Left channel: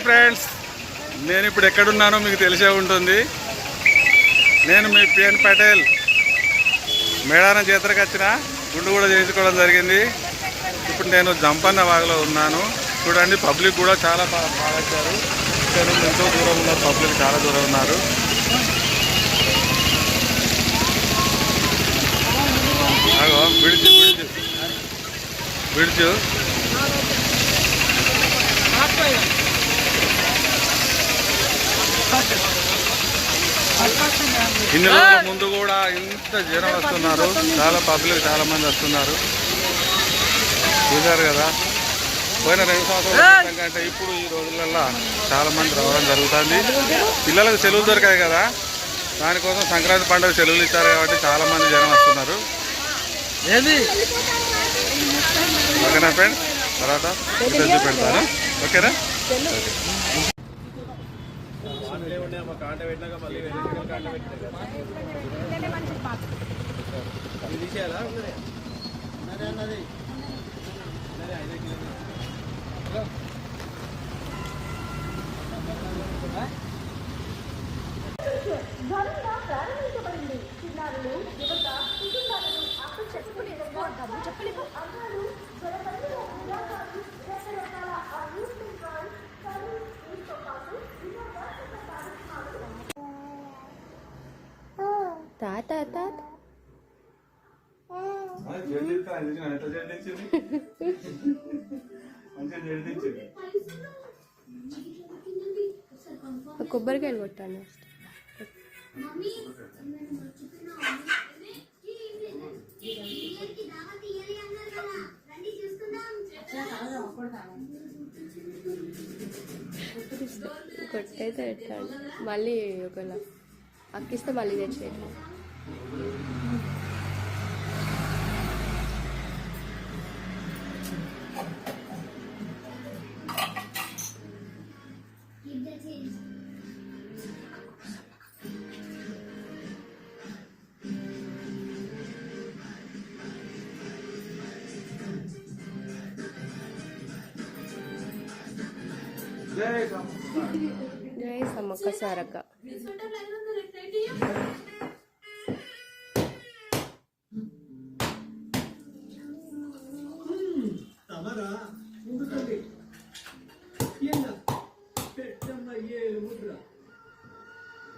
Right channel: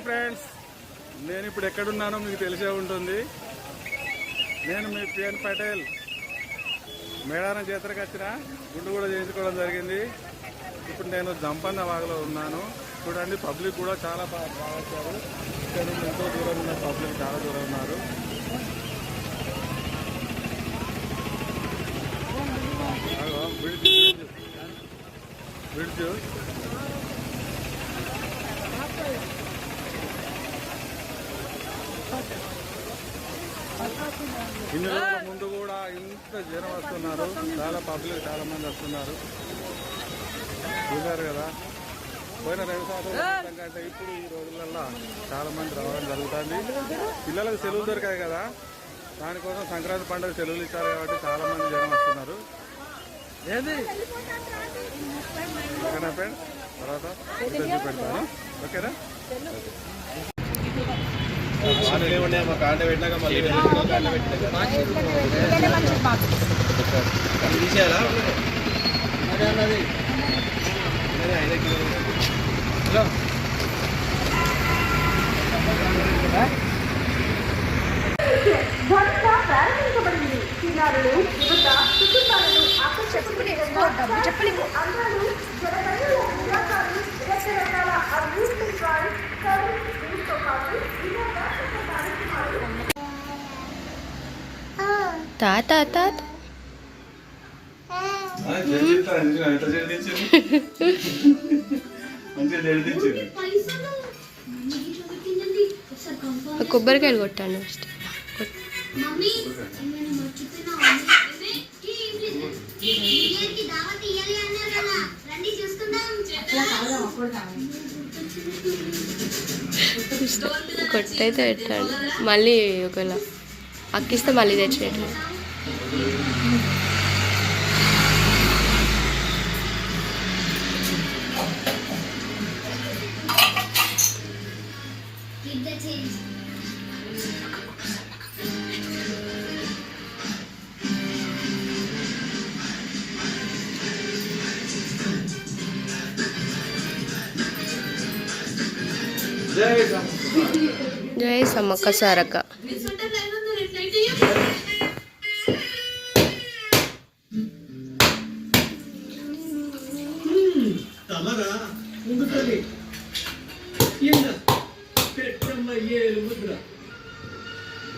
Hi friends, నేను ఇప్పుడు ఎక్కడున్నానో మీకు తెలిసే ఉంటుంది. నేను మీ పిఎన్ పటేల్ మేడారం జాతరకు వచ్చిన గుండు కూడా చేయించుకోవడం జరిగింది. ఇప్పుడు నేను జంపన్న వాగులో ఉన్నాను. చూడండి, పబ్లిక్ కూడా చాలా బాగా వచ్చారు. ఇక్కడ నుండి ఎంతో దూరం ఉన్నారు, పబ్లిక్ చాలా దూరం ఉన్నారు. బ్రిడ్జ్ ఇన్ని రోజుల ముందు కూడా ఇంత జనం వస్తున్నారు, చాలా పబ్లిక్ చాలా మంది వస్తున్నారు. చూశారు కదా, పోయిన 2 సంవత్సరాల కంటే ఇప్పుడు ఈ రోజులలో చాలా మంది రావడం జరుగుతుంది. పిల్లలకు సెలవులు దొరికాయి కదా, దానికోసం సంక్రాంతి పండుగ సెలవులు ఇచ్చారు కాబట్టి చాలా మంది జనం వస్తున్నారు. ఓకేనా ఫ్రెండ్స్, తర్వాత చూపెడతాను. ఓకేనా? తాత కొబ్బరికాయలు కొట్టాను ఫస్ట్. కొట్టయితే పెట్టాను, మళ్ళీ ఒకవేళ అక్కిస్తే మళ్ళీ తెచ్చేయటం. జై సమ్మక్క సారక్క.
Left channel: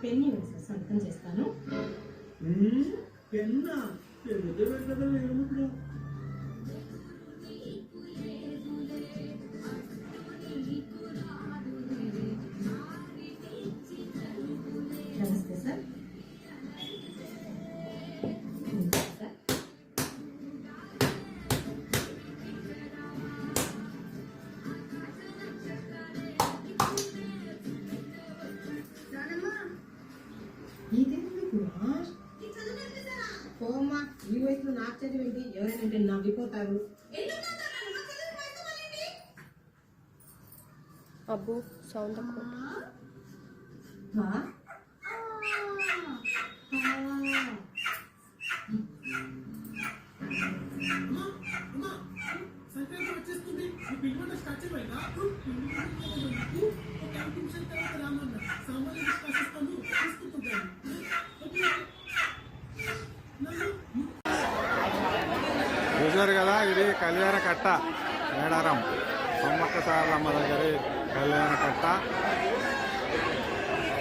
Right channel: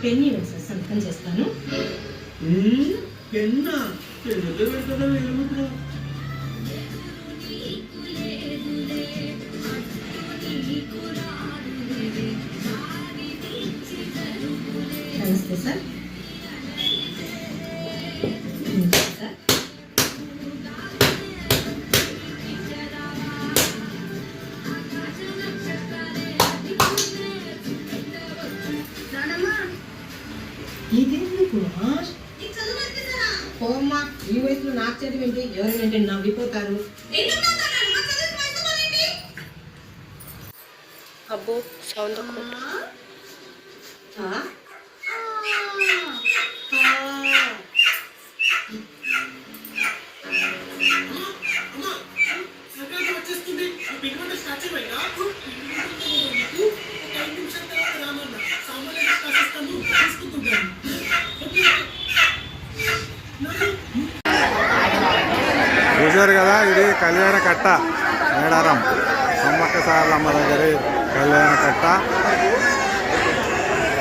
పెన్ని సార్ సంతకం చేస్తాను. పెన్నా పెన్నుతో పెడతారా వేలుముద్ర? నమస్తే సార్. ఓమ్మా, ఈ వయసులో నాకు చదివింటి ఎవరైనా నవ్విపోతారు. అబ్బో సౌండ్ చూశారు కదా, ఇది కళ్యాణ కట్ట మేడారం సమ్మక్క సారలమ్మ దగ్గర కళ్యాణ కట్ట.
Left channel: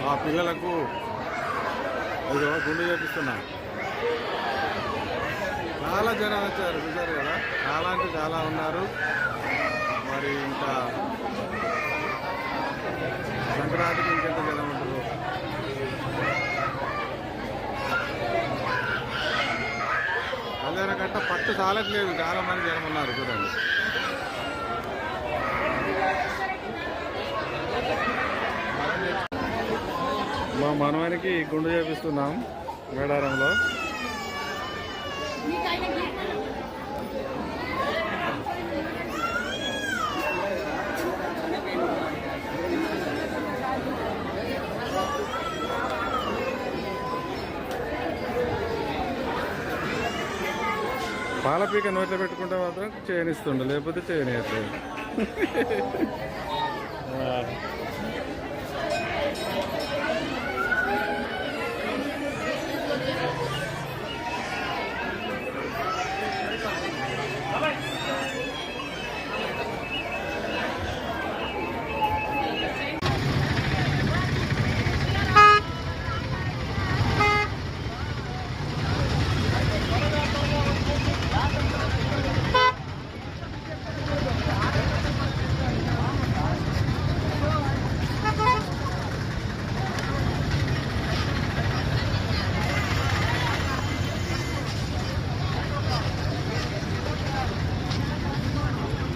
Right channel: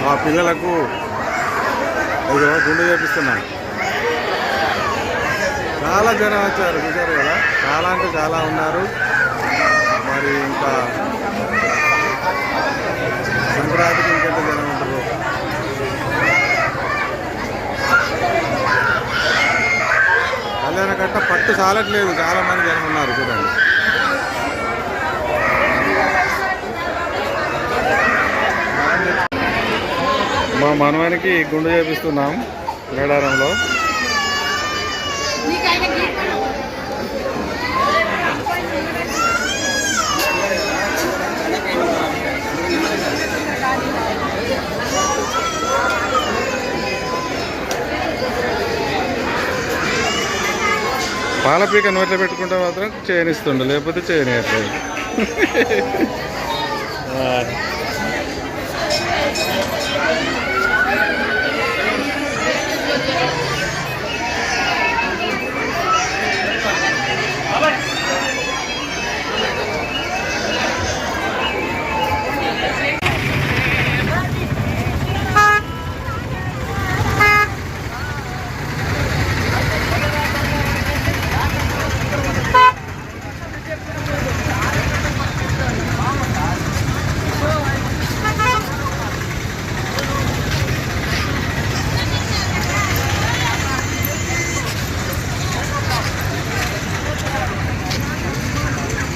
ఆ పిల్లలకు ఇదో గుండు చేపిస్తున్నాయి. చాలా జనం వచ్చారు, చూశారు కదా, చాలా అంటే చాలా ఉన్నారు. మరి ఇంకా సంక్రాంతికి ఇంకెంత జనం ఉంటారు. కళ్యాణ కట్ట పట్టు చాలట్లేదు, చాలా మంది జనం ఉన్నారు. చూడండి, మా మనవానికి గుండు చేపిస్తున్నాం మేడారంలో. పాలపీక నోట్లో పెట్టుకుంటే మాత్రం చేయనిస్తుండు, లేకపోతే చేయనియట్లేదు.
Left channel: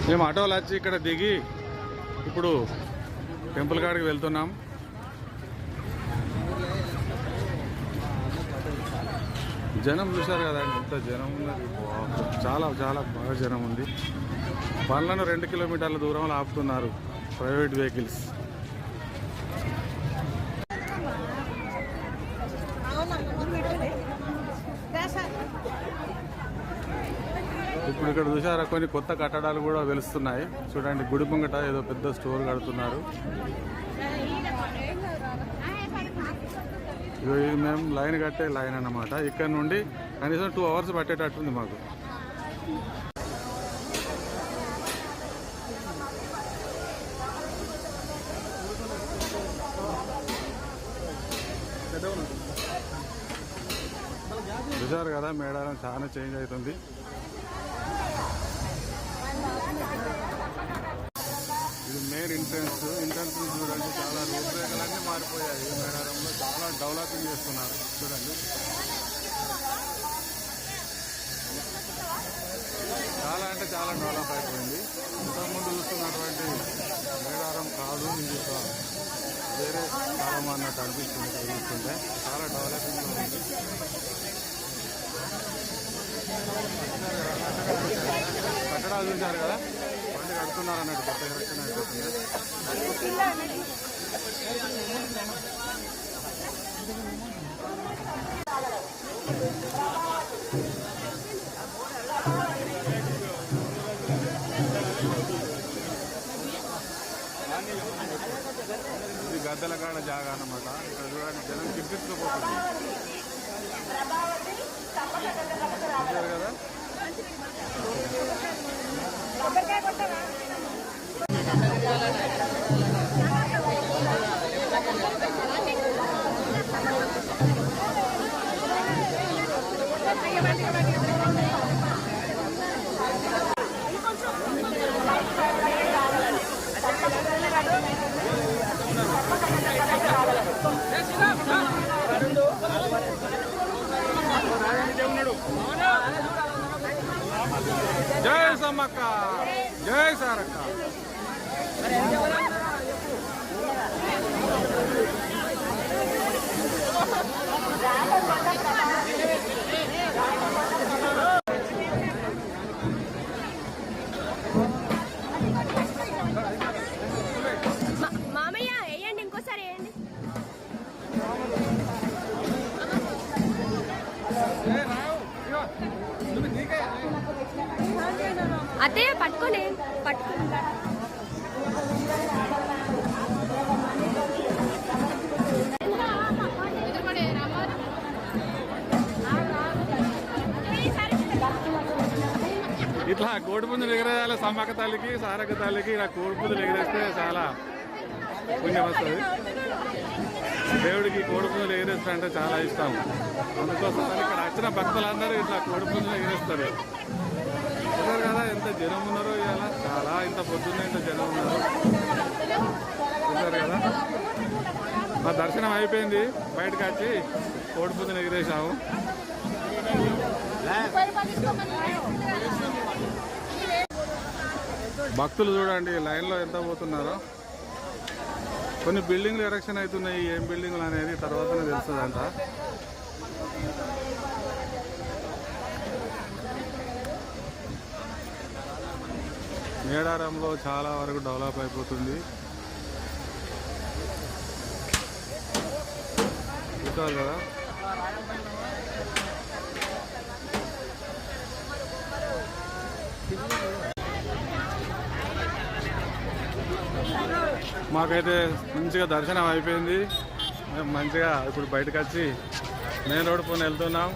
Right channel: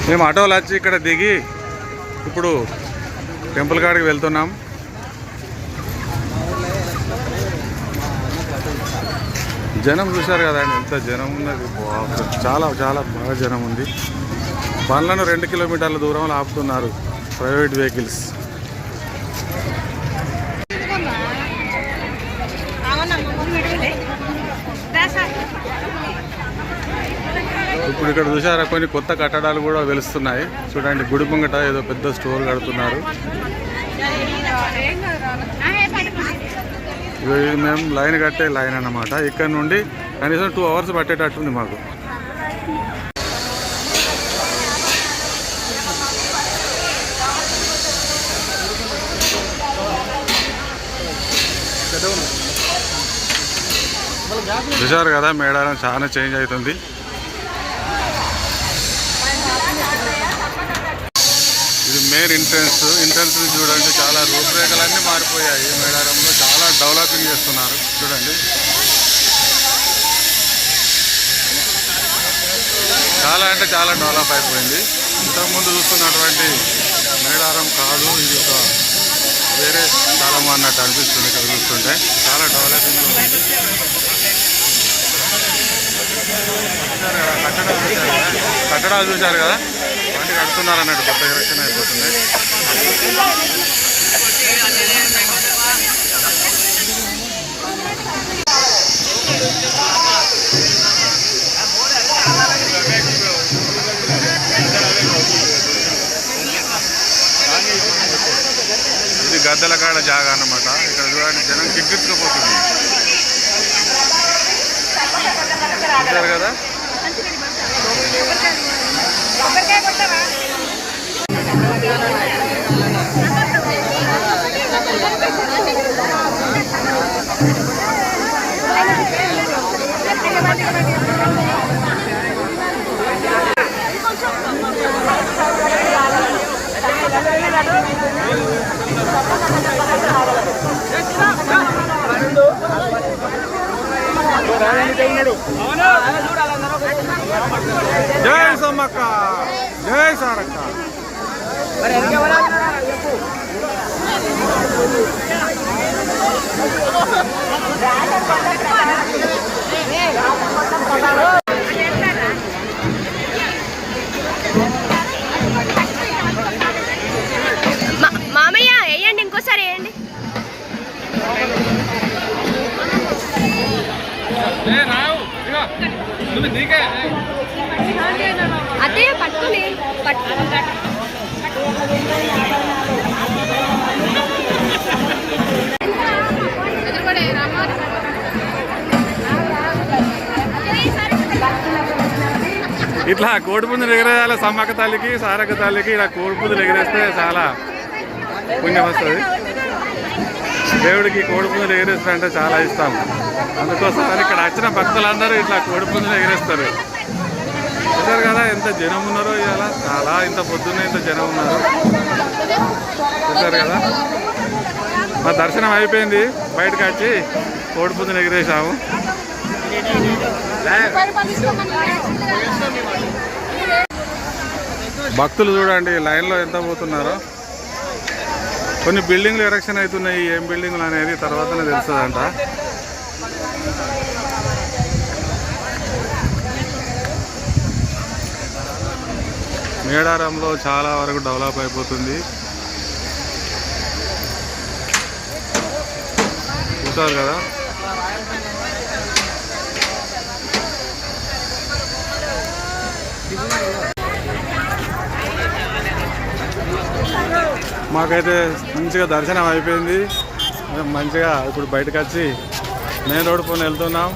మేము ఆటోలు వచ్చి ఇక్కడ దిగి ఇప్పుడు టెంపుల్ కాడికి వెళ్తున్నాం. జనం చూశారు కదండి, ఎంత జనం ఉన్నది. చాలా చాలా బాగా జనం ఉంది. బండ్లను 2 కిలోమీటర్ల దూరంలో ఆపుతున్నారు ప్రైవేట్ వెహికల్స్. ఇప్పుడు ఇక్కడ చూసారా కొన్ని కొత్త కట్టడాలు కూడా వెలుస్తున్నాయి. చూడండి, గుడి ముంగట ఏదో పెద్ద స్టోర్ కడుతున్నారు. ఇది మేము లైన్ కట్టే లైన్ అన్నమాట. ఇక్కడ నుండి కనీసం 2 అవర్స్ పట్టేటట్టుంది మాకు. చూసారు కదా, మేడారం చాలా చేంజ్ అవుతుంది. ఇది మెయిన్ ఎంట్రన్స్ నుంచి చూడండి, చాలా రూపురేఖలన్నీ మారిపోయాయి. మేడారంలో చాలా డెవలపింగ్ చేస్తున్నారు. చూడండి, చాలా అంటే చాలా డెవలప్ అయిపోయింది. ఇంతకుముందు చూస్తున్నటువంటి మేడారం కాదు, ఇది ఒక వేరే స్థలం అన్నట్టు అనిపిస్తుంది. ఇక్కడ చూస్తుంటే చాలా డెవలపింగ్ ఉంది. కట్టడాలు చూశారు కదా, వాటి కడుతున్నారు అన్నట్టు, కొత్త ఎలక్షన్ అయిపోతుంది. ఇది గద్దెల కాడ జాగా అన్నమాట. ఇక్కడ చూడండి, జనం కిక్కించుకుపోతుంది. చూశారు కదా, జై సమ్మక్క, జై సారక్క. మామయ్య వేయండి, ఇంకోసారి వేయండి. అదే పట్టుకోలే ఇట్లా కోడిపుంజులు ఎగరేయాలి. సమ్మక్క తల్లికి, సారక్క తల్లికి ఇలా కోడిపుంజులు ఎగరేస్తే చాలా పుణ్యం వస్తుంది. దేవుడికి కోడిపుంజులు ఎగరేస్తారంటే చాలా ఇష్టం. అందుకోసం ఇక్కడ వచ్చిన భక్తులందరూ ఇట్లా కోడిపుంజులు ఎగరేస్తారు. చూసారు కదా ఎంత జనం ఉన్నారో ఇవాళ. చాలా ఇంత పొద్దున్నే ఇంత జనం ఉన్నారు. చూసారు కదా, మా దర్శనం అయిపోయింది. బయటకు వచ్చి కోడిపుంజులు ఎగిరేసాము. భక్తులు చూడండి లైన్లో ఎంత పోతున్నారో. కొన్ని బిల్డింగ్లు ఎరక్షన్ అవుతున్నాయి. ఏం బిల్డింగ్లు అనేది తర్వాతనే తెలుస్తుందంట. మేడారంలో చాలా వరకు డెవలప్ అయిపోతుంది. చూసారు కదా, మాకైతే మంచిగా దర్శనం అయిపోయింది. మేము మంచిగా ఇప్పుడు బయటకు వచ్చి మెయిన్ రోడ్ పైన వెళ్తున్నాం.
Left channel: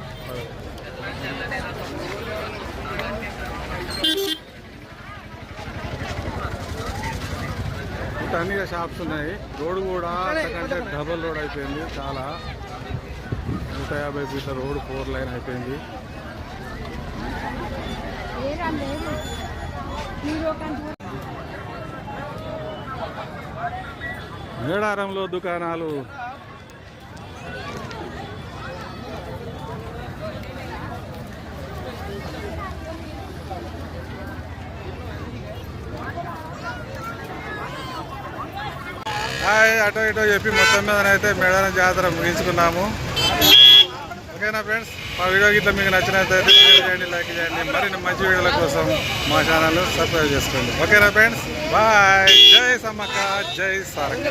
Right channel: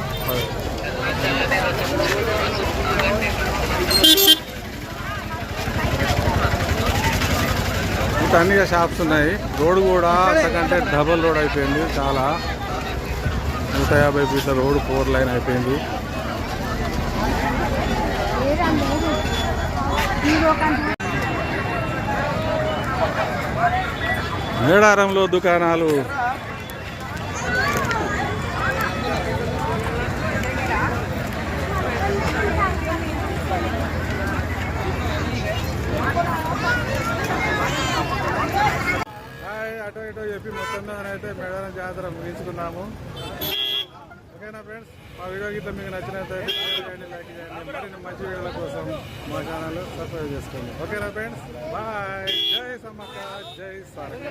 ఇంకా అన్ని షాప్స్ ఉన్నాయి. రోడ్ కూడా అంతకంటే డబల్ రోడ్ అయిపోయింది. చాలా 150 ఫీట్ల రోడ్ 4 లైన్ అయిపోయింది. మేడారంలో దుకాణాలు హాయ్ అటో ఇటో చెప్పి మొత్తం మీదనైతే మేడారం జాతర ముగించుకున్నాము. ఓకేనా ఫ్రెండ్స్, మా వీడియో గిట్ల మీకు నచ్చినట్లయితే షేర్ చేయండి, లైక్ చేయండి. మరిన్ని మంచి వీడియోల కోసం మా ఛానల్ సబ్స్క్రైబ్ చేసుకోండి. ఓకేనా ఫ్రెండ్స్, బాయ్. జై సమ్మక్క, జై సారక్క.